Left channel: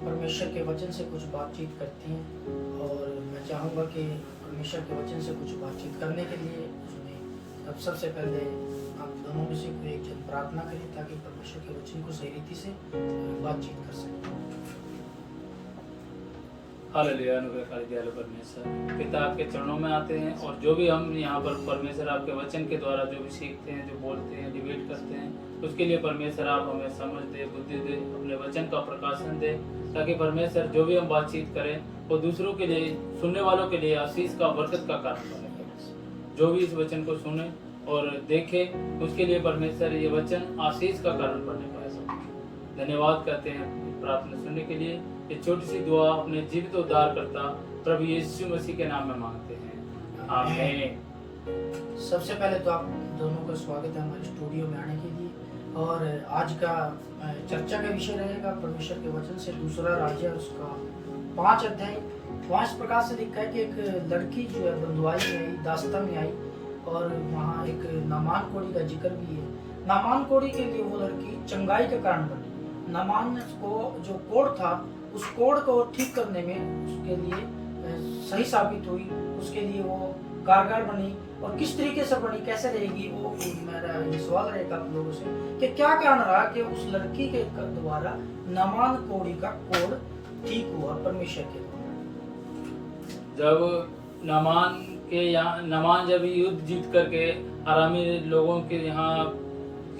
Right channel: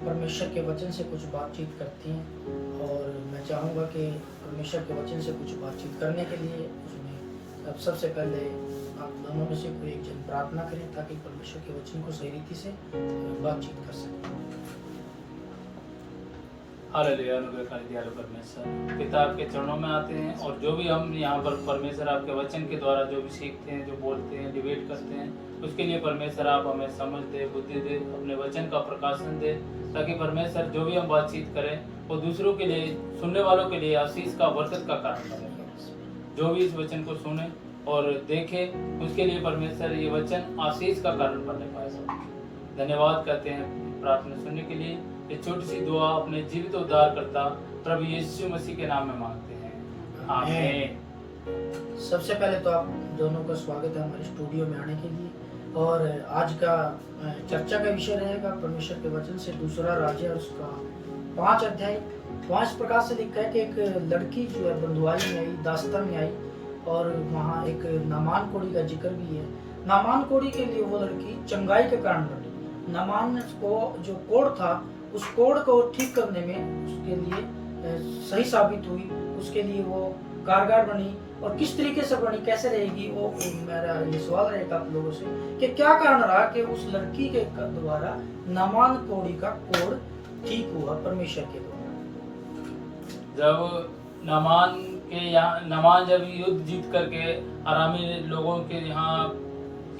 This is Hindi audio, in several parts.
परमेश्वर के वचन से कुछ बातचीत करती हैं और मैं चाहूँगा कि परमेश्वर के वचन से कुछ बातचीत करने के लिए अब सबसे पहले आप दोनों में से कोई एक जन प्रार्थना करें ताकि परमेश्वर के वचन को सही रीति से बातचीत कर सकें। हालेलुया, अनुग्रहकारी दयालु परमेश्वर पिता आपके चरणों में आते हैं और जो भी हम यहाँ पर परमेश्वर आपके वचन के द्वारा जो भी सीखते हैं, जो बोलते हैं, डिबेट करते हैं, उसके लिए परमेश्वर आप हमें समझ दे, बुद्धि दे, अपने वचन का प्रकाशन दे, ताकि परमेश्वर जो भी हम बातचीत करें वो दूसरों के लिए, सुनने वालों के लिए आशीष का, बरकत का कारण बने। जो भी इस वचन को सुने और देखे उसके लिए परमेश्वर ये वचन आशीष का कारण बनने पाए। धन्यवाद करते हैं प्रार्थना सुनने के लिए। ये छोटी सी दुआ अपने जीवित उद्धारकर्ता प्रभु यीशु मसीह के नाम में मांगते हैं, आमीन। सबसे पहले तो आप दोनों का स्वागत है हमारे स्टूडियो में आने के लिए। और आज का चर्चा का विषय रहेगा परमेश्वर के वचन से दूसरा राज्य और उसका 5 अध्याय। वहाँ इस प्रकार से लिखा है कि एक लड़की जो है बंधुआई में आई, दास्ता में आई, और वहाँ एक नामान कोड़ी का जिक्र भी है। नामान कोड़ी के लिए वो लड़की चंगाई के कारण बनी। नामान को जो कोड़ था उस कोड़ को ठीक करने में उसके लिए सही साबित हुई, उसके लिए वो कारगर बनी। और किस तरीके से बनी, कैसे रहेगी, वो मेरा ये सवाल रहेगा आप लोगों से कि क्या कारण रहा कि उस लड़की के द्वारा नामान कोड़ी का कोड़ ठीक हुआ परमेश्वर के द्वारा। जब नामान जब युद्ध जीत करके आरामी लोगों के यहाँ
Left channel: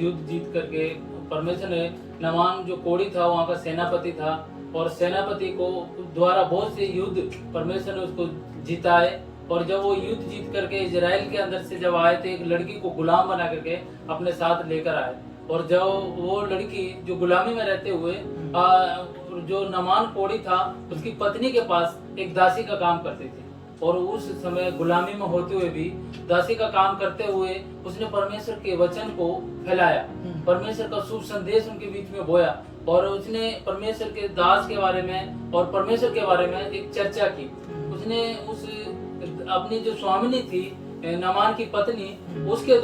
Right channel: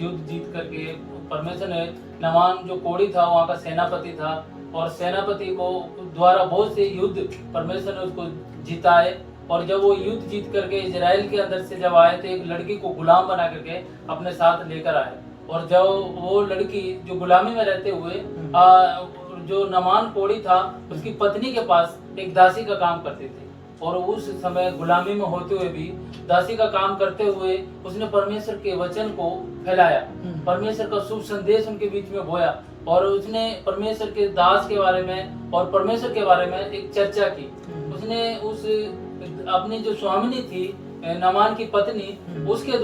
युद्ध जीत करके परमेश्वर ने नामान जो कोड़ी था वहाँ का सेनापति था और सेनापति को द्वारा बहुत से युद्ध परमेश्वर ने उसको जिताए। और जब वो युद्ध जीत करके इजराइल के अंदर से जब आए थे, एक लड़की को गुलाम बना करके अपने साथ लेकर आए। और जब वो लड़की जो गुलामी में रहते हुए जो नामान कोड़ी था उसकी पत्नी के पास एक दासी का काम करती थी, और उस समय गुलामी में होते हुए भी दासी का काम करते हुए उसने परमेश्वर के वचन को फैलाया, परमेश्वर का शुभ संदेश उनके बीच में बोया, और उसने परमेश्वर के दास के बारे में और परमेश्वर के बारे में एक चर्चा की। उसने उस अपनी जो स्वामिनी थी नामान की पत्नी, उसके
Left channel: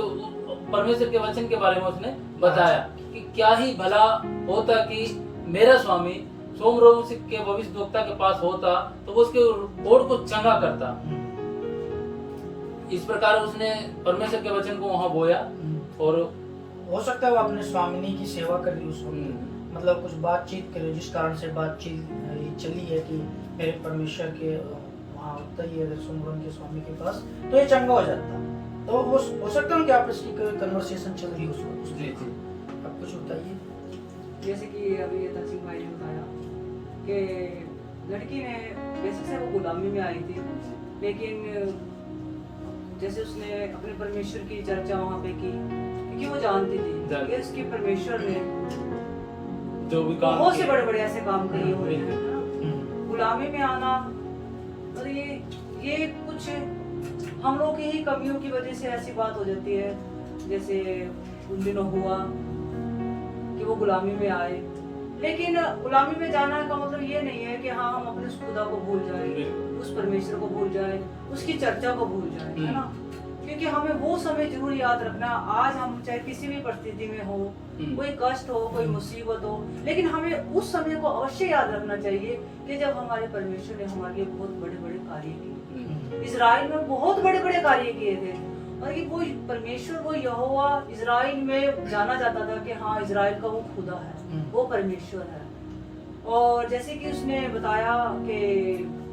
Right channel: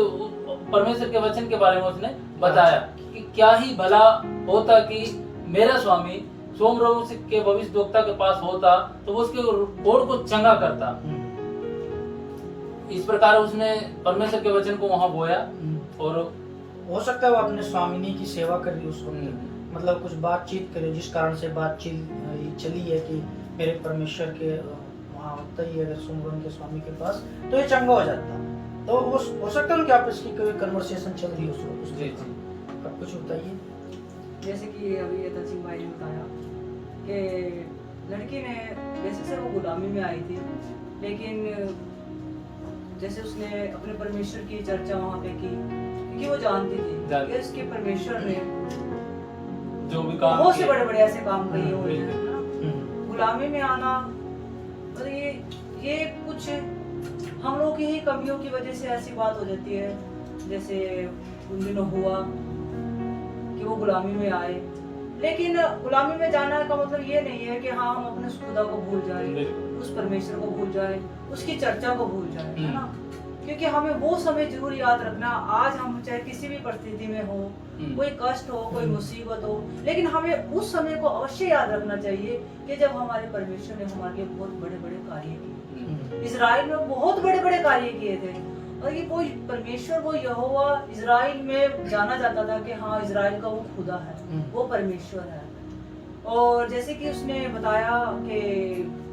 परमेश्वर के वचन के बारे में उसने बताया कि क्या ही भला होता कि मेरा स्वामी सोमरोम के भविष्यद्वक्ता के पास होता तो वो उसके कोड़ को चंगा करता। इस प्रकार उसने परमेश्वर के वचन को वहां बोया। और हो सकता है वो अपने स्वामिनी की सेवा करी उस वक्त, मतलब कुछ बातचीत करे जिस कारण से बातचीत चली है कि मेरे परमेश्वर के वहाँ होता ही अगर सोमरोम के स्वामी के पास तो ये चंगा हो जाता। तो वो हो सकता है कि आप इसकी कोई कन्वर्सेशन चल रही है उस वक्त। आप कुछ बताइए। जैसे कि अभी ये तहसील भाई ने बताया कि लड़की ने वैसे से वो गुलामी में आई थी, लेकिन जैसे उसने अपने परमेश्वर की चर्चा वहाँ पे की, क्योंकि वो जानती थी कि उसके परमेश्वर ने जो भी काम बहुत से बड़े बड़े ऐसे काम किए होते हैं। गुलामी में आना और ये कुछ हम लोग की ही कमियों की वजह से ऐसी बात हो जाती है। जैसे उन दिनों हुआ कि वो गुलामी में आए, लेकिन गुलामी में जाना का मतलब ये नहीं है कि हाँ हम अपने उस खुदा को भूल जाए, उस परमेश्वर को भूल जाए, उसकी चर्चा को भूल जाए, है ना। क्योंकि हमें वो समय जरूर याद रखना। आज हम चाहे किसी भी परिस्थिति में हो, कोई कष्ट हो, कोई मुसीबत हो, लेकिन हमें उस समय को अवश्य याद रखना चाहिए कि जब हमारे परमेश्वर ने हमारे लिए बहुत बड़े बड़े कार्य किए। इजराइल में बहुत बड़े बड़े कार्य किए थे, और ये वो परमेश्वर, वो यहोवा इजराइल में जाना जाता था कि हाँ इजराइल का वो खुदा है, वो परमेश्वर है। और जैसे कि उसने बताया कि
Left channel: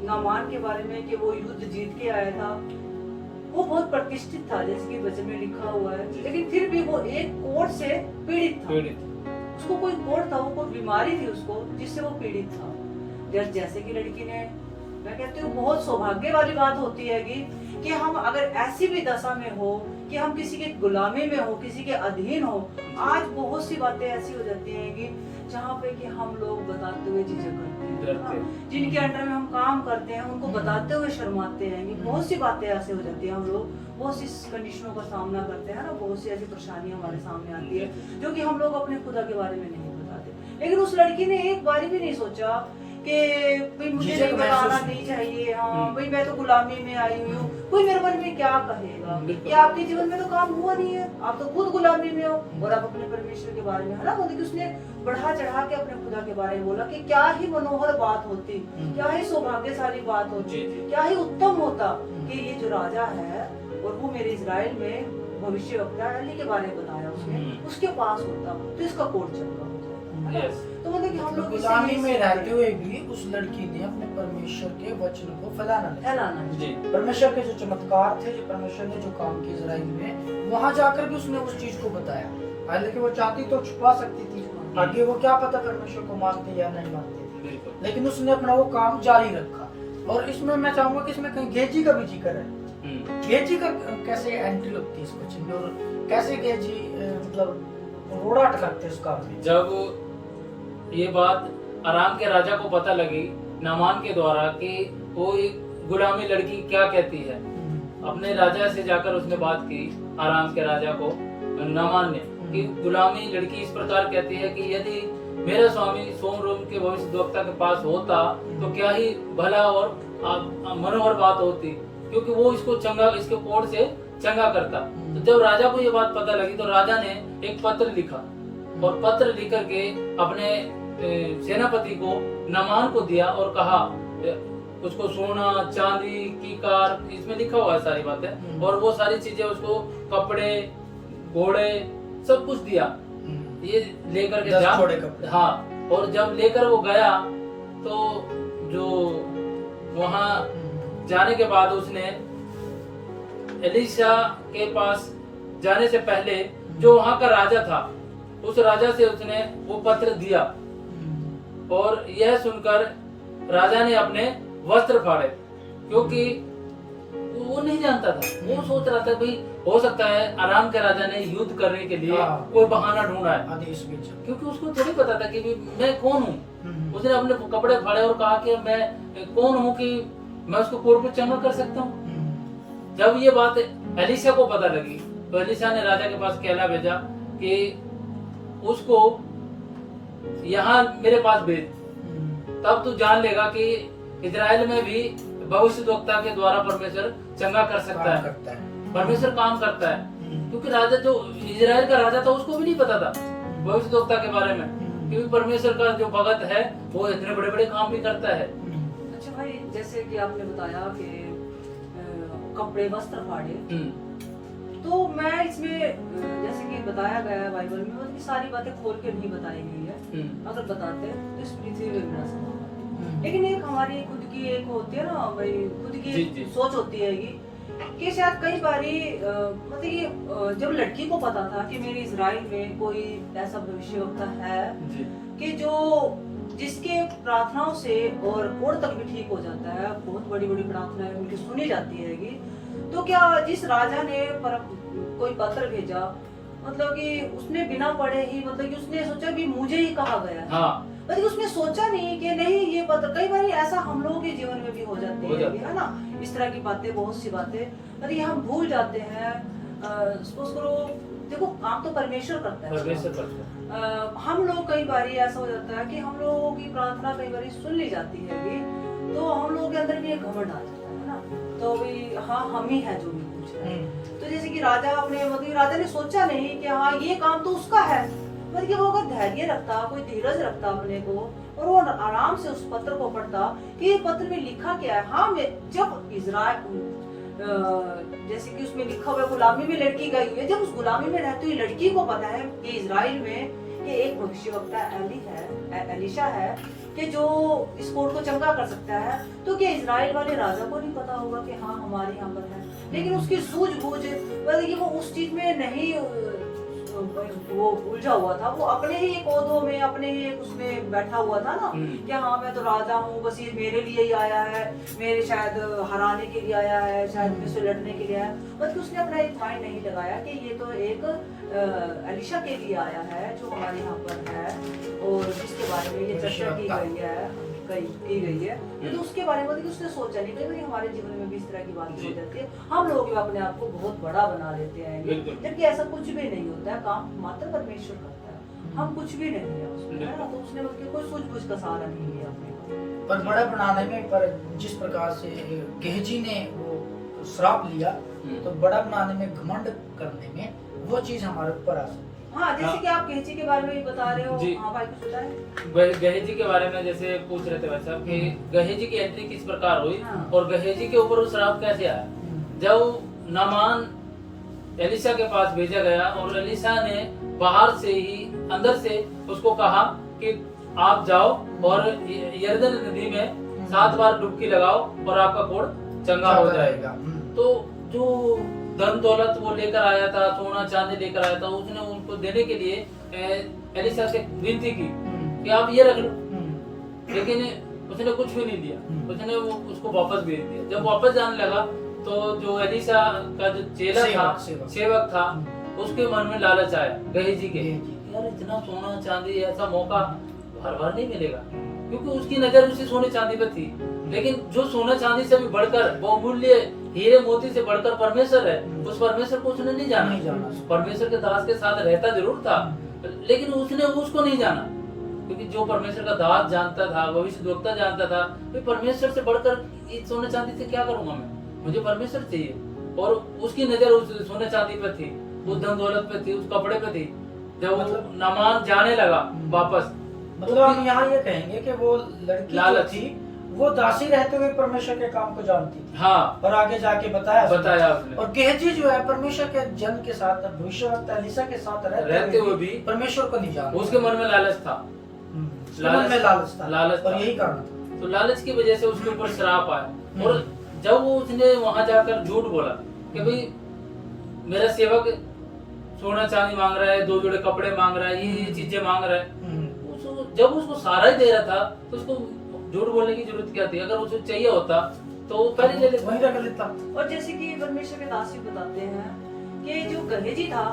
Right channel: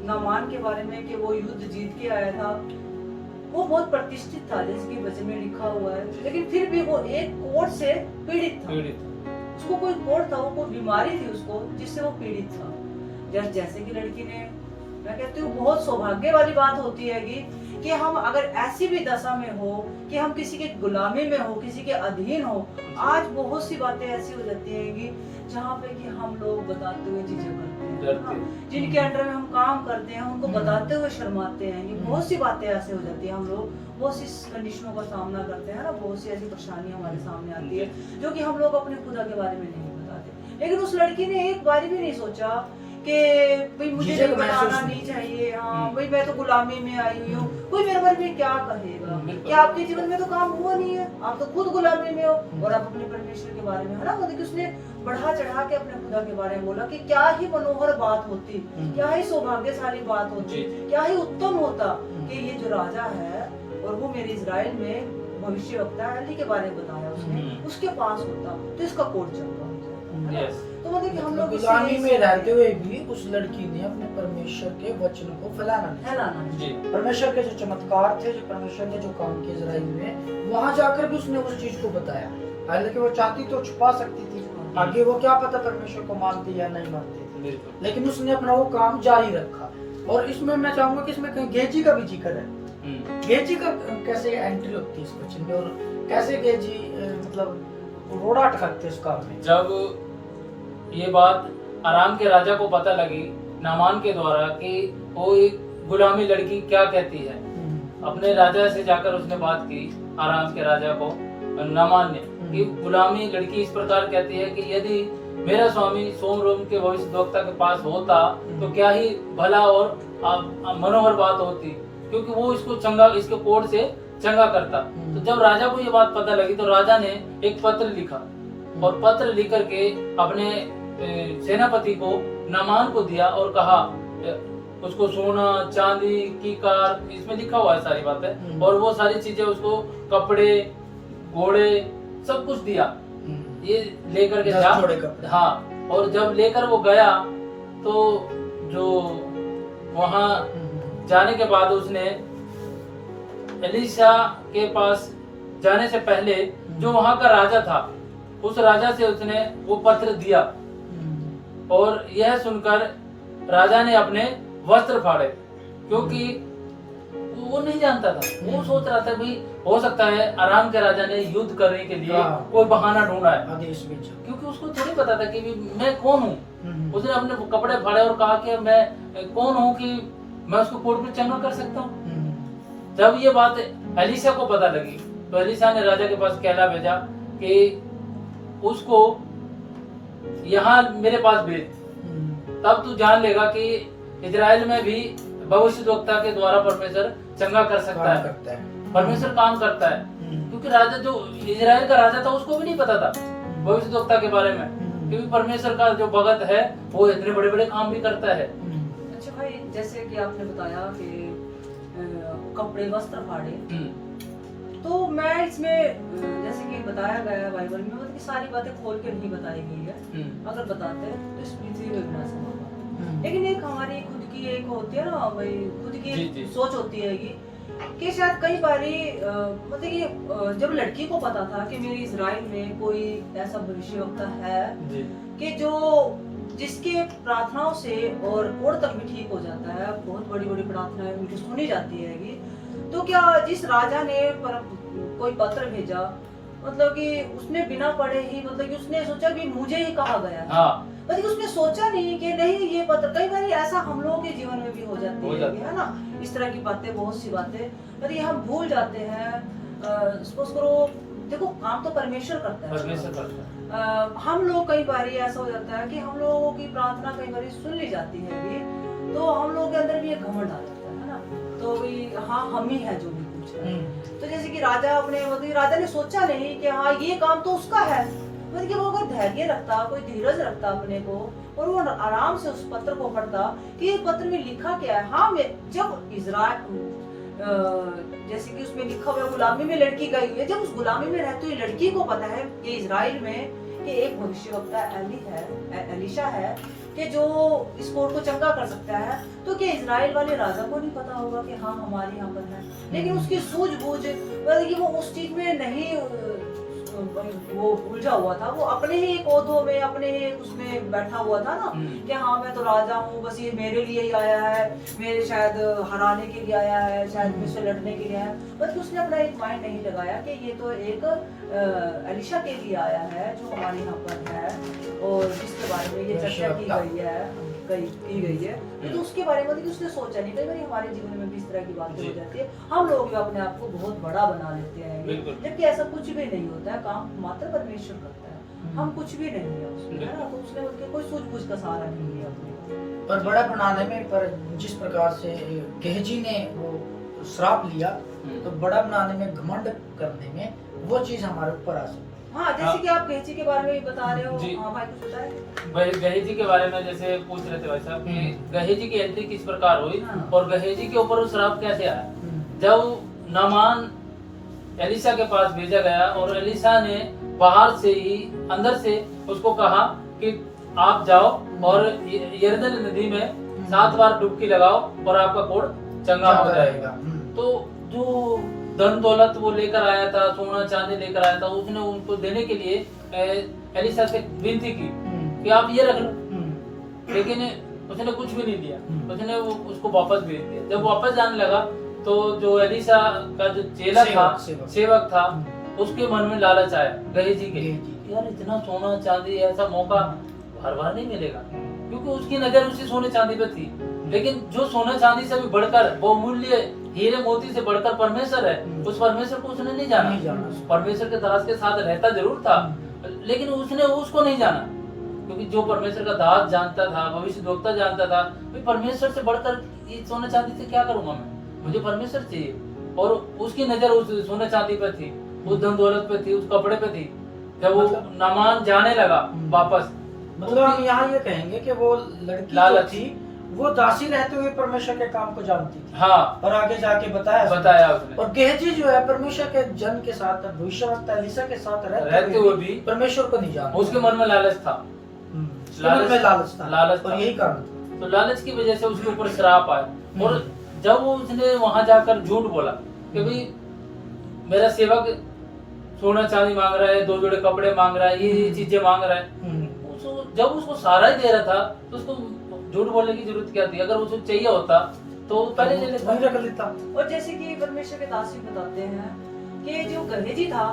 नामान के बारे में कि वो युद्ध जीत के आया था, वो बहुत प्रतिष्ठित था जैसे कि वचन में लिखा हुआ है, लेकिन फिर भी वो एक कोढ़ से पीड़ित था। उसको कोई कोढ़ था, वो कोई बीमारी थी उसको जिससे वो पीड़ित था। जैसे कि लड़की ने, मैं कहती हूँ बहुत सौभाग्य वाली बात होती है कि हम अगर ऐसी भी दशा में हो कि हम किसी के गुलामी में हो, किसी के अधीन हो। आज बहुत सी बातें ऐसी हो जाती हैं कि जहाँ पे कि हम लोग बताते हुए झिझक करते हैं, जिनके अंडर में हम काम करते हैं उनको बताते हुए शर्माते हैं। कि बहुत सी बातें ऐसे हो जाती है, हम लोग बहुत सी कंडीशनों का सामना करते हैं ना, बहुत सी ऐसी परेशानियां हमारे सामने आती है जो कि हम लोग अपने खुदा के बारे में नहीं बताते। लेकिन उस लड़की ने एक बार भी नहीं सोचा कि भाई मुझे झिझक नहीं बताना महसूस नहीं चाहिए, हाँ हम्म। भाई मैं तो गुलामी में आई हूँ, कोई मेरे बारे में क्या कहेगा, बिल्कुल। कि आपके जीवन में तो काम हुआ नहीं है, आप तो खुद गुलामी में हो और आप अपने परमेश्वर के बारे में, है ना, मतलब कि उसने बढ़ा चढ़ा के अपने खुदा के बारे में बोला कि क्या ही मनोहर बात होती, क्या ही सौभाग्यशाली बात होती, क्या ही उत्तम होता कि ये जो राजा है और वो मेरे इजराइल में भविष्यवक्ता एली के बारे में बताया उसने, उसके पास होता तो इसका कोड चलता। यस। तो मतलब कि हम लोग गुलामी में रहते हुए भी उस लड़की ने अपने परमेश्वर के वचन को फैलाना नहीं। फैलाना जी। परमेश्वर के जो चमत्कार थे, जो परमेश्वर ने जो काम किए इजराइल में, वहां जाकर भी उसने उस चीज को बताया। हालांकि वो चाहती तो छुपा सकती थी, आगे वो क्या पता परमेश्वर को मानती या नहीं मानती, बिल्कुल। लेकिन उसने अपना वो काम जारी रखा। और इसमें मैं चाहूंगा कि इसमें कहीं गेजी का भी जिक्र है। गेजी का कैसे एंट्री होती है इस वचन में, और कैसे गेजी मतलब रोड़ा अटकते इस काम में। जब ये बात आराम के राजा को पता लगी नामान के द्वारा कि वो एक गुलामी लड़की क्या कहती है, अपने राजा से जाकर उसने बात की, आराम के राजा को नामान ने, कि गुलामी लड़की इस प्रकार कहती है कि यदि मेरा स्वामी सोमरोम के भविष्यद्वक्ता के पास होता तो क्या ही भला और मनोहर बात होती, क्योंकि वो इसको चंगा, इसके कोड से चंगा करता। तो जब राजा को ये बात पता लगी तो राजा ने एक पत्र लिखा और पत्र लिख करके अपने सेनापति को नामान को दिया और कहा, उसको सोना चांदी की कार, इसमें लिखा हुआ है सारी बातें, और वो सारी चीजें उसको, कपड़े घोड़े सब कुछ दिया, ये लेकर के 10 जोड़े कपड़े। हाँ, और जब लेकर वो गया तो जो वहां जाने के बाद उसने एलिशा के पास जाने से पहले जो वहां का राजा था, उस राजा से उसने वो पत्र दिया, और यह सुनकर राजा ने अपने वस्त्र फाड़े, क्योंकि वो नहीं जानता था, वो सोच रहा था भाई हो सकता है आराम के राजा ने युद्ध करने के लिए कोई बहाना ढूंढा है, आदेश भेजा, क्योंकि उसको थोड़ी पता था कि मैं कौन हूँ। उसने अपने कपड़े फाड़े और कहा कि मैं कौन हूँ कि मैं उसको कोर्ट में चंगा कर सकता हूँ। जब ये बात एलिशा को पता लगी तो एलिशा ने राजा के पास कहला भेजा कि उसको यहाँ मेरे पास भेज, तब तू जान लेगा कि इजराइल में भी भविष्यद्वक्ता के द्वारा परमेश्वर चंगा कर सकता है, परमेश्वर काम करता है। क्योंकि राजा जो इजराइल का राजा था उसको भी नहीं पता था भविष्यद्वक्ता के बारे में, क्योंकि परमेश्वर का जो भगत है वो इतने बड़े बड़े काम भी करता है। अच्छा भाई, जैसे कि आपने बताया कि कपड़े वस्त्र फाड़े, तो मैं इसमें जैसे कि बताया गया है बाइबल में, मतलब सारी बातें खोल के नहीं बताई गई है, अगर बताते तो इस पृथ्वी में विनाश होगा। लेकिन एक हमारी खुद की एक होती है ना भाई, खुद की सोच होती है ये कि शायद कई बारी मतलब ये जब लड़की को पता था कि मेरे इजराइल में कोई ऐसा भविष्यवक्ता है कि जो जिसके प्रार्थनाओं से और कोड तक भी ठीक हो जाता है, बहुत बड़ी बड़ी प्रार्थनाएं उनकी सुनी जाती है, तो क्या जिस राजा ने कोई पत्र भेजा, मतलब कि उसने बिना पढ़े ही, मतलब कि उसने सोचा कि मुझे ही कहा गया है, मतलब उसने सोचा नहीं कि नहीं ये पत्र, कई बार ऐसा हम लोगों के जीवन में भी हो जाती है ना, इस तरह की बातें, बहुत सी बातें, मतलब हम भूल जाते हैं। सपोज करो, देखो काम तो परमेश्वर करता है, हम लोग कई बार ऐसा हो जाता है कि हम लोगों की प्रार्थना कई बार सुन ली जाती है, तो हम लोगों के अंदर भी एक घमंड आ जाता है ना, तो भाई हाँ हम ही है जो भी कुछ है। तो जैसे कि राजा अपने, मतलब राजा ने सोचा नहीं कि हाँ ये काम तो उसका है, मतलब कि वो अगर धैर्य रखता, कोई धीरज रखता अपने को, और वो आराम से उस पत्र को पढ़ता कि ये पत्र में लिखा क्या है। हाँ, जब इजराइल जैसे कि उसमें लिखा हुआ गुलामी में लड़की गई हुई है, जब उस गुलामी में रहती हुई लड़की को पता है कि इजराइल में कि एक भविष्यवक्ता एलिशा है कि जो इस कोड को चंगा कर सकता है, तो क्या इजराइल वाले राजा को नहीं पता होगा कि हाँ हमारे यहाँ पर है। लेकिन उसकी सूझबूझ, मतलब वो उस चीज में नहीं वो उलझा हुआ था, वो अपने ही एक ओहदों में, अपने ही उसमें बैठा हुआ था ना कि हाँ मैं तो राजा हूँ, बस ये मेरे लिए ही आया है, मेरे शायद हराने के लिए आया है, शायद मुझसे लड़ने के लिए आया है। बल्कि उसने अपना एक माइंड नहीं लगाया कि ये तो एक एलिशा के लिए आया है जो हमारे यहाँ पर है और जिसके बारे में ये चर्चा की गई है, तो उसके बारे में उसने सोचा नहीं। कई बार हमारे जीवन में भी इस तरह की बातें हो जाती है, हम लोग अपने आप को बहुत बड़ा बना लेते हैं, जबकि ऐसा कुछ भी नहीं होता है, काम मात्र परमेश्वर करता है, हम कुछ भी नहीं है उसमें, है ना। तो उसने कोई सूझबूझ का सहारा नहीं लिया। पर बड़ा बनाने में, पर जिस प्रकार से गेहजी ने वो श्राप लिया, तो बड़ा बनाने में, घमंड करने में, वो चीज हमारे ऊपर आ सकती है। हाँ, जैसे कि आप गेहजी के बारे में भी बता रहे हो। जी। हाँ भाई, कुछ बताएं। गहेजी के बारे में जैसे पूछ रहे थे भाई साहब कि गहेजी की एंट्री किस प्रकार हुई हाँ। और गहेजी के ऊपर वो श्राप कैसे आया। जब नामान एलिशा के पास भेजा गया और एलिशा ने बाहर से ही, अंदर से उसको कहा कि आप जाओ और यरदन नदी में 7 बार डुबकी लगाओ और आपका कोढ़ चंगा हो जाएगा। तो जो धन दौलत वो लेकर आया था, सोना चांदी लेकर आया था, उसने उनको देने के लिए एलिशा से विनती की कि आप ये रख लो, लेकिन उसने कुछ भी नहीं दिया। उसने उसको वापस भेज दिया। जब वापस जाने लगा तो जो एलिशा का जो चेला था, सेवक था, उसके मन में लालच आया गहेजी के, यार इतना सोना चांदी ऐसा मौका हर बार नहीं मिलेगा, क्योंकि उसकी नजर उसी सोने चांदी पे थी। लेकिन जो सोना चांदी से भी बढ़कर, बहुमूल्य हीरे मोती से बढ़कर परमेश्वर है, उस परमेश्वर को उसने नहीं जाना। परमेश्वर के दास के साथ रहता जरूर था, लेकिन उसने उसको नहीं जाना, क्योंकि जो परमेश्वर का दास जानता था, भविष्यद्वक्ता जानता था, भाई परमेश्वर से बढ़कर इस सोने चांदी से क्या करूंगा मैं, मुझे परमेश्वर चाहिए। और उसकी नजर उस सोने चांदी पे थी, उस धन दौलत पे थी, उस कपड़े पे थी। जब वो नामान जाने लगा वापस, मतलब हम यहाँ ये कहेंगे कि वो लड़की जो थी वो दासी रहते हुए परमेश्वर के काम को जानती थी। हाँ, और आगे जाके बताया उसने। और गेहजी जो है परमेश्वर के जन के साथ, भविष्यवक्ता एलिशा के साथ रहते हुए भी परमेश्वर को नहीं जानता। उसके मन में लालच था, मन में लालच था, और यही कारण था। तो लालच की वजह से उसके ऊपर श्राप आया। और जब वो उसने वहां जाकर झूठ बोला कि भाई मेरा सेवक सोना चांदी मांग रहा है, 2 जोड़े कपड़े मांग रहा है, ये चीजें मांग रहा है, जब उसको सारा ही दे रहा था तो उसको झूठ बोलने की जरूरत क्या थी। अगर उसको चाहिए होता तो पहले ले लेता, वही रख लेता। और जैसे कि परमेश्वर के दास बताते हैं कि जो गहेजी था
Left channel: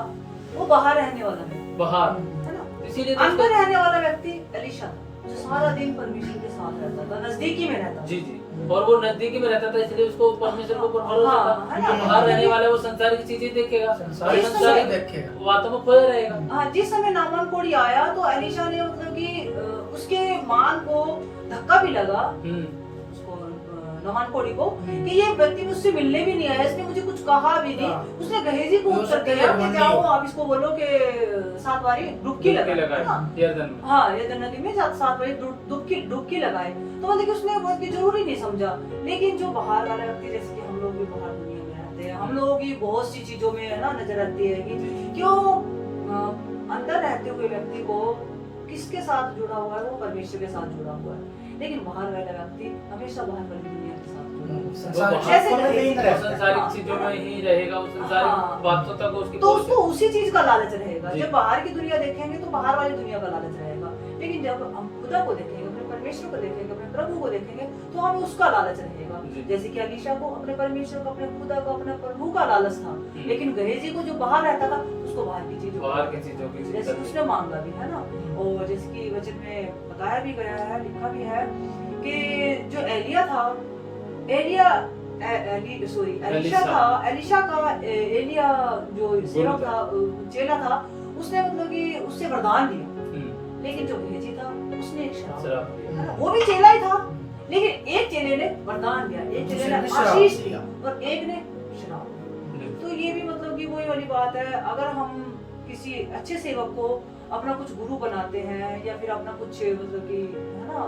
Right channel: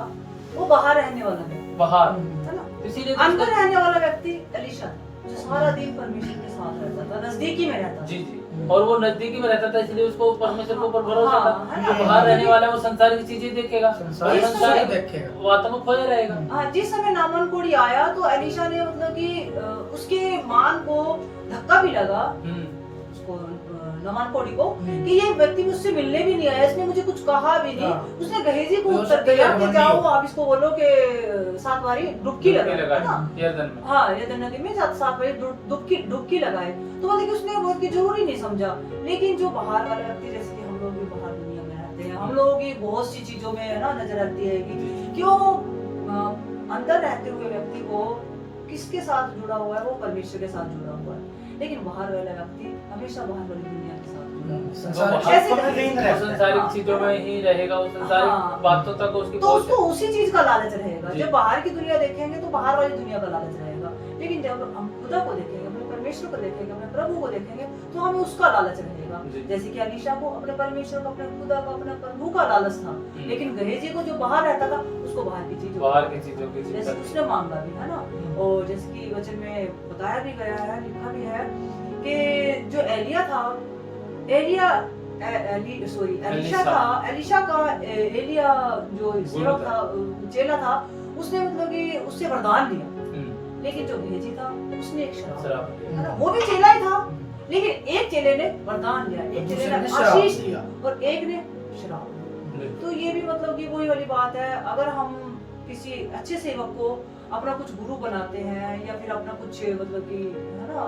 वो बाहर रहने वाला है, बाहर, है ना, इसीलिए अंदर रहने वाला व्यक्ति एलिशा जो सारा दिन परमेश्वर के साथ रहता था, नजदीकी में रहता था। जी जी, और वो नजदीकी में रहता था, इसलिए उसको परमेश्वर के ऊपर भरोसा था। है ना? बाहर रहने वाला वो संसारिक चीजें देखेगा, संसारिक देखेगा, बातों में खोया रहेगा। हाँ, जिस समय नामान कोड़ी आया तो एलिशा ने मतलब कि उसके मान को धक्का भी लगा, उसको नामान कोड़ी को, कि ये व्यक्ति मुझसे मिलने भी नहीं आया, इसने मुझे कुछ कहा भी नहीं। उसने गहेजी को उत्तर दिया कि जाओ आप इसको बोलो कि 7 बारी डुबकी लगाए ना, यरदन में। हाँ, यरदन नदी में 7 बारी डुबकी लगाए। तो मतलब कि उसने वो की जरूरी नहीं समझा। लेकिन जो बाहर वाले व्यक्ति, जैसे कि हम लोग भी बाहर दुनिया में रहते हैं, हम लोगों की बहुत सी चीजों में ना नजर आती है कि क्यों अंदर रहते हुए व्यक्ति को किसके साथ जुड़ा हुआ है, वो परमेश्वर के साथ जुड़ा हुआ है। लेकिन बाहर वाला व्यक्ति हमेशा बाहर वाली दुनिया के साथ जुड़ा हुआ है। संसारिक चीजों में ही रहेगा, वो संसारिक बातों तक उसकी तो उसको उसी चीज का लालच रहेगा। जब बाहर की दुनिया देखेंगे तो बाहर वाली दुनिया का लालच रहेगा, लेकिन जब हम खुदा को देखेंगे, अपने परमेश्वर को देखेंगे, अपने प्रभु को देखेंगे, तो हमें उसका लालच रहेगा। जैसे कि एलिशा को अपने परमेश्वर को, अपने खुदा को, अपने प्रभु का लालच था। लेकिन गहेजी को जो बाहर रहता था उसको बाहर की चीजों की, जैसे उसने मांगा भी, है ना। और जैसे कि वचन में बताया भी गया है, लिखा भी है कि जो एलिशा था, एलिशा का एलिया जो सेवक था, चेला था, उसने मतलब कि उससे वरदान लिया। लेकिन जो गहेजी था उसने एक शराब, वो भी चेला ही था, लेकिन एक चेले ने वरदान दिया, एक चेले ने आशीष दिया और एक ने शराब। तो ये भी मतलब कि वही वाली बात है, अगर हम किसी अच्छे सेवक को अपना कुछ गुरु बनाते हैं या फिर अपना कुछ मतलब कि, है ना,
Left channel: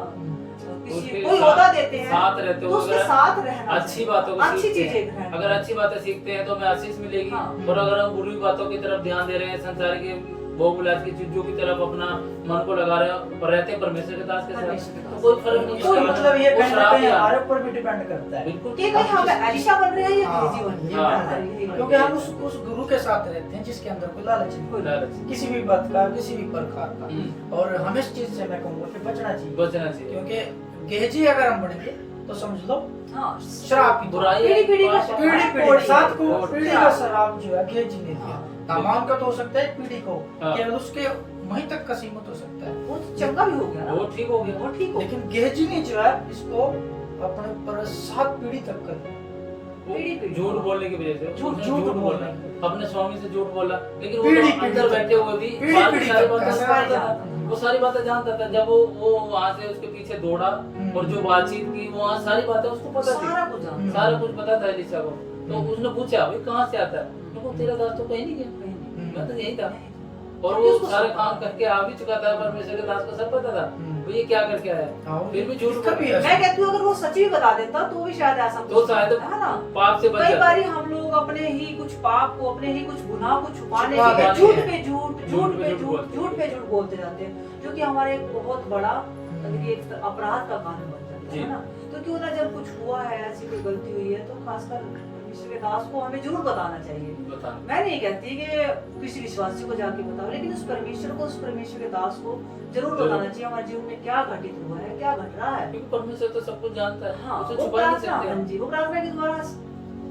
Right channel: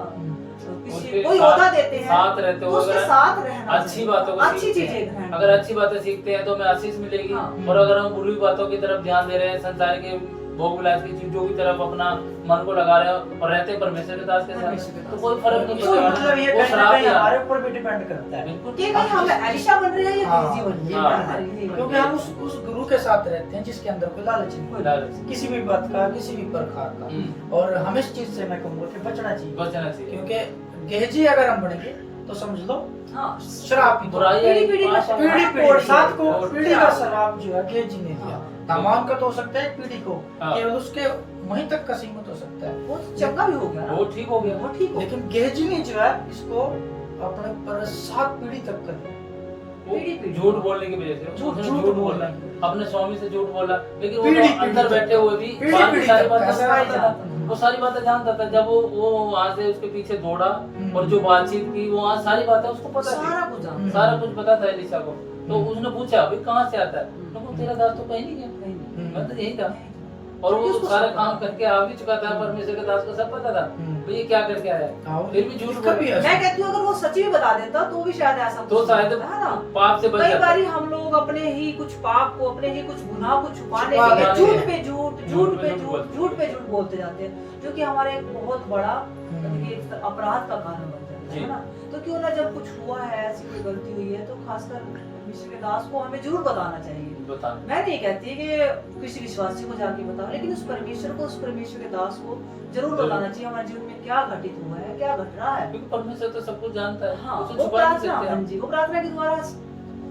किसी कोई ओहदा देते हैं, साथ रहते तो उसके साथ रहना, अच्छी बातों को, अच्छी चीजें, अगर अच्छी बातें सीखते हैं तो हमें आशीष मिलेगी। और अगर हम बुरी बातों की तरफ ध्यान दे रहे हैं, संसार की भोगविलास की चीजों की तरफ अपना मन को लगा रहे हैं और रहते परमेश्वर के दास के साथ, तो कोई फर्क नहीं पड़ता। मतलब ये कहीं ना कहीं हमारे ऊपर भी डिपेंड करता है, बिल्कुल, कि कहीं हम एलिशा बन रहे हैं या गहेजी बन रहे हैं, क्योंकि हम उस गुरु के साथ रहते हैं जिसके अंदर कोई लालच नहीं, किसी भी बात का, किसी भी प्रकार का। और हमें इस चीज से मैं कहूँगा कि बचना चाहिए, क्योंकि गेहजी अगर हम बनेंगे तो समझ लो शराब की पीढ़ी साथ को पीढ़ी का शराब जो है गेहजी ने दिया। नामान का तो हो सकता है पीढ़ी को, केवल उसके वहीं तक का सीमित हो सकता है, वो चंगा भी हो गया, वो ठीक हो गया, लेकिन गेहजी ने जो है इसको अपने ऊपर 7 पीढ़ी तक कर, पीढ़ी झूठ बोलने की वजह से झूठ झूठ बोला बोलने अपने स्वामी से झूठ बोला, लेकिन वो पीढ़ी तो अंदर तक, बैठे हुए भी पीढ़ी बाकी पीढ़ी सारी तक बातें ऐसा जानता था। है। वो सारी बातें जानता था। जब वो वहाँ से उसके पीछे दौड़ा और जो बातचीत की वो वहाँ सारी बातें उसको पता थी, सारा कुछ जानता सारा कुछ पता था एलिसा को। तो उसने पूछा भाई कहाँ से आता है, तो तेरा दास तो कहीं नहीं गया, मैं तो यही था। और वो उसको सारे सब काम पता करके आ भी चुका था, परमेश्वर के दास को सब पता था तो ये क्या करके आया, और फिर भी झूठ इसका बोला। भी ऐसा- मैं कहती हूँ अगर वो सच भी बता देता तो भी शायद ऐसा तो कुछ शायद नहीं, है ना। पाप से बच कई जाता। बार हम लोग अपने ही कुछ पाप को, अपने ही कुछ गुनाह को छुपाने छुपा के लिए देते झूठ हैं। पे झूठ, झूठ पे झूठ, झूठ पे झूठ बोलते जाते हैं, जो कि हमारे एक बहुत बड़ा मतलब कि एक अपराध का कारण बन जाता है ना। तो क्यों ना जब कुछ हुआ है, ऐसी कोई गलती हुई है, तो खासकर परमेश्वर के दास को हमें जरूर बताना चाहिए। बता। मैं नहीं कहती कि किसी विश्वासी को जाके बताओ, लेकिन उस परमेश्वर को, उस परमेश्वर के दास को जरूर बताना चाहिए हमारे जीवन में क्या घटित हुआ है, क्या घट रहा है। क्योंकि परमेश्वर तो सब कुछ जानता है, हाँ, उसे वो छुपा नहीं प्रार्थना, सकते हाँ हम। जी, वो प्रार्थना के द्वारा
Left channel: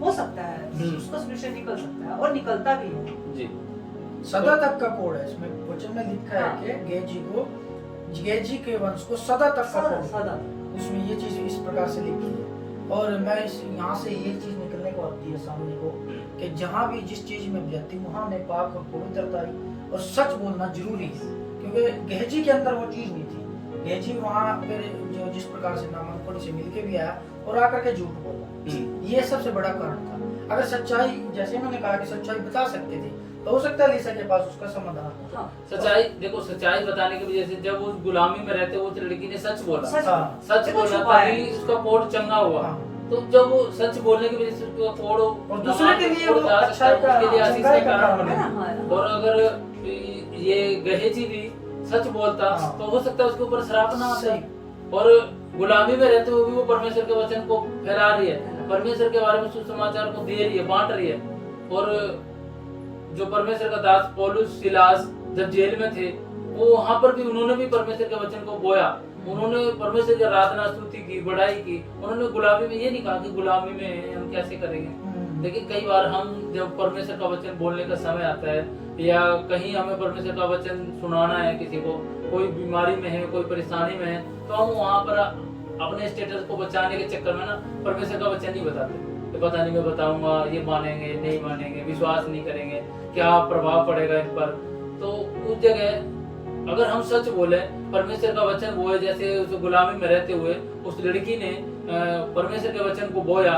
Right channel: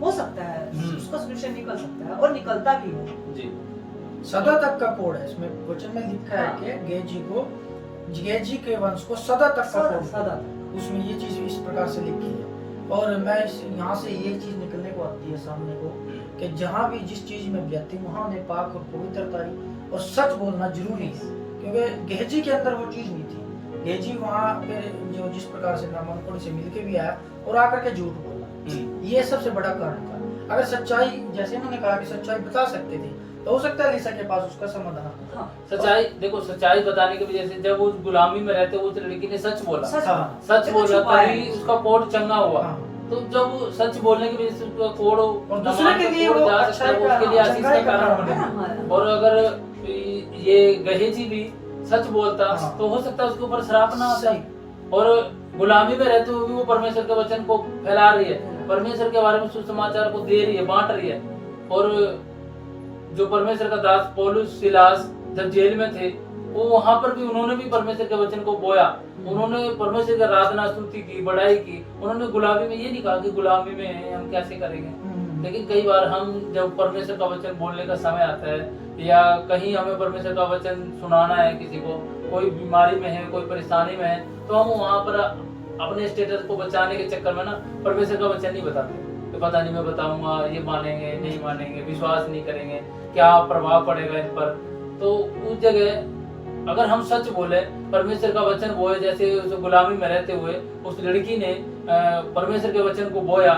हो सकता है, उसका सॉल्यूशन निकल सकता है और निकलता भी है। जी। सदा तक का कोड है इसमें वचन में लिखा है कि गेजी के वंश को सदा तक का कोड है। सदा उसमें ये चीज इस प्रकार से लिखी है। और मैं इस यहाँ से ये चीज निकलने को आती है सामने को कि जहाँ भी जिस चीज में व्यक्ति वहाँ में पाक और पवित्रता और सच बोलना जरूरी है, क्योंकि गेहजी के अंदर वो चीज नहीं थी। गेहजी वहाँ पे जो जिस प्रकार से नामांकन से मिलके भी आया और आकर के झूठ बोला, ये सबसे बड़ा कारण था। अगर सच्चाई, जैसे इन्होंने कहा कि सच्चाई बता सकते थे, तो हो सकता है लीसा के पास उसका समाधान हो। हाँ, सच्चाई देखो, सच्चाई बताने की वजह से जब वो गुलामी में रहते उस लड़की ने सच बोला, सच देखो बोला छुपाया तभी उसका कोड चंगा हुआ। हाँ। तो जब वो सच बोलने की वजह से उसका कोड और दूसरे के लिए वो अच्छाई का, उसके लिए आशीष चंगाई का का कारण कारण बने। है ना। और अगर ये गहेजी भी सच बोलता हाँ। तो हो सकता है उसके ऊपर श्राप ना आता। सही। और गुलामी में रहते हुए भी वो परमेश्वर के वचन को फैला रही है, परमेश्वर के बारे में सुसमाचार को दे रही है, बांट रही है। और जो परमेश्वर का दास पौलुस सिलास जब जेल में थे, वो वहां पर भी उन्होंने भी परमेश्वर के वचन को बोया, उन्होंने परमेश्वर की आराधना स्तुति की, बढ़ाई की। उन्होंने गुलामी में ये नहीं कहा कि गुलामी में हम कैसे करेंगे। लेकिन कई बार हम जब परमेश्वर का वचन बोलने का समय आता है या कहीं हमें परमेश्वर का वचन सुनाना है, किसी को कोई बीमारी में है, कोई परेशानी में है, तो हम वहाँ पर अपने स्टेटस को बचाने के चक्कर में ना परमेश्वर का वचन नहीं बताते। तो पता नहीं मैं बताऊंगा, ये मानेंगे नहीं मानेंगे, विश्वास नहीं करेंगे, क्या प्रभाव पड़ेगा इन पर। तो उस जगह अगर हम सच बोले, परमेश्वर का वचन बोए, जैसे उस गुलामी में रहते हुए उस लड़की ने परमेश्वर के वचन को बोया,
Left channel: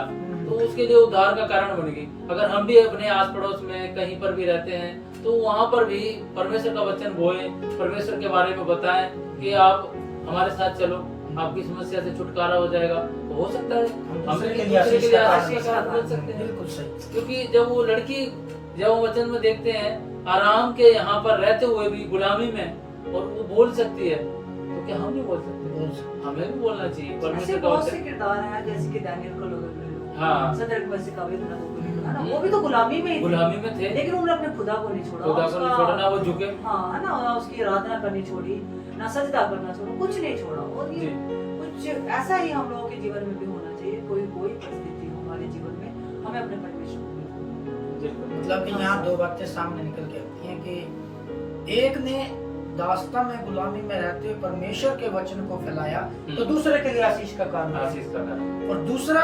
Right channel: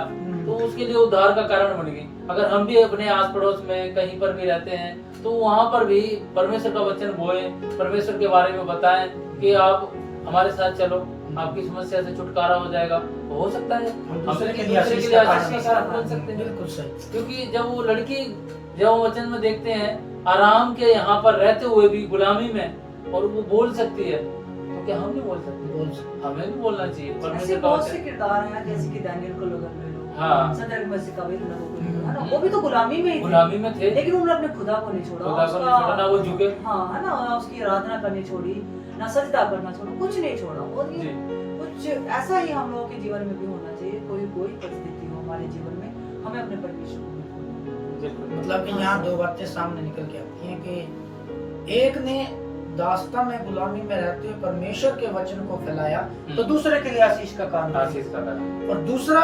तो उसके लिए उद्धार का कारण बन गई। अगर हम भी अपने आस पड़ोस में कहीं पर भी रहते हैं, तो वहाँ पर भी परमेश्वर का वचन बोए, परमेश्वर के बारे में बताएं कि आप हमारे साथ चलो, आपकी समस्या से छुटकारा हो जाएगा। तो हो सकता है हम दूसरे के दूसरे लिए आशीष का कारण का कारण बन सकते हैं। बिल्कुल सही। क्योंकि जब वो लड़की, जब हम वचन में देखते हैं आराम के यहाँ पर रहते हुए भी गुलामी में, और वो बोल सकती है, तो क्या हम नहीं बोल सकते? हमें भी बोलना चाहिए। ऐसे परमेश्वर का बहुत से वचन, किरदार हैं, जैसे कि दानियल को लोग हाँ। सदरक मसीह का भी है ना, वो भी तो गुलामी में ही थे, गुलामी में थे, लेकिन उन्होंने अपने खुदा को नहीं छोड़ा, खुदा को नहीं छोड़ा, ना वो झुके। हाँ, है ना, ना उसकी आराधना करनी छोड़ी, ना सजदा करना छोड़ा, कुछ नहीं छोड़ा। और ये कुछ ऐसा ही हम लोगों के जीवन में भी होना चाहिए। कोई परिस्थिति हो हमारे जीवन में, हमें अपने परमेश्वर को, मतलब कि यहाँ दो बातें सामने निकल के आती हैं कि एक ने दास्ता में गुलामी में रहते हुए परमेश्वर के वचन को फैलाया, तो दूसरे के लिए आशीष का कारण है। आशीष का कारण। और दूसरा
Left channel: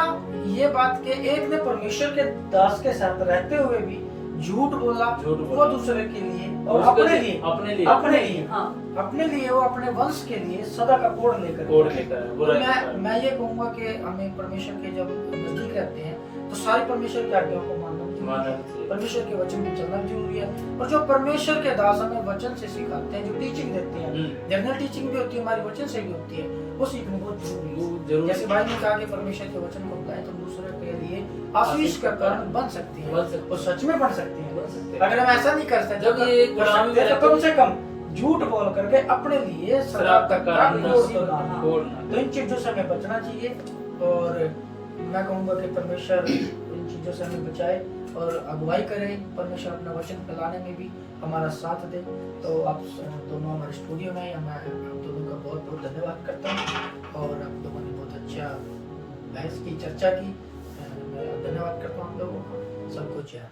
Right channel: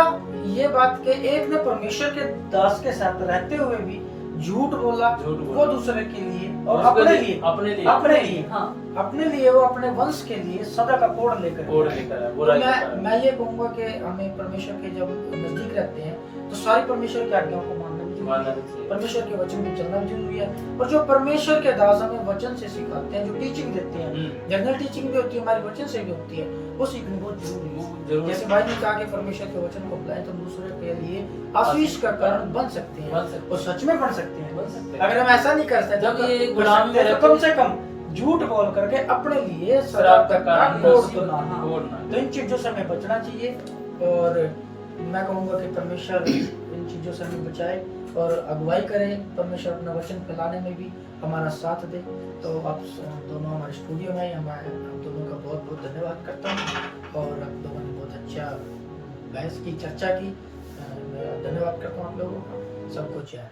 ये बात कि एक ने परमेश्वर के दास के साथ रहते हुए भी झूठ बोला, वो दूसरे के लिए और अपने लिए हाँ, अपने लिए वो अपने वंश के लिए सदा का कोड लेकर तो मैं ये कहूंगा कि हमें परमेश्वर के जब नजदीक रहते हैं तो सारी परमेश्वर की आज्ञाओं को मानना भी जरूरी है, परमेश्वर के वचन में चलना भी जरूरी है। और जो परमेश्वर के दास हमें वचन से सिखाते हैं, जो टीचिंग देते हैं, जनरल टीचिंग भी होती है, हमारी वचन से भी होती है, वो सीखनी बहुत जरूरी है। जैसे भाई ने कहा कि परमेश्वर के वचन को अपनाएं तो दूसरे के लिए आशीष का कारण बन सकते हैं, और सच में बन सकते हैं। अगर हम ऐसा नहीं कर सकते तो कम से कम झूठ बोल करके अपने लिए सदा तक का कोड तोड़ना, तो इन चीजों से हमें बचना चाहिए। और मैं कहूँगा कि परमेश्वर इन चीजों से हमें बचाए और अगुवाई करे, परमेश्वर अपना वचन फैलाने में भी हमारा साथ दे। तो आप दोनों हमारे स्टूडियो में, मैं आप दोनों का बहुत बहुत धन्यवाद करता हूँ। और आप लोगों ने बहुत अच्छा बहस की, चर्चा की, मैं धन्यवाद करता हूँ आप लोगों का। सबको जय।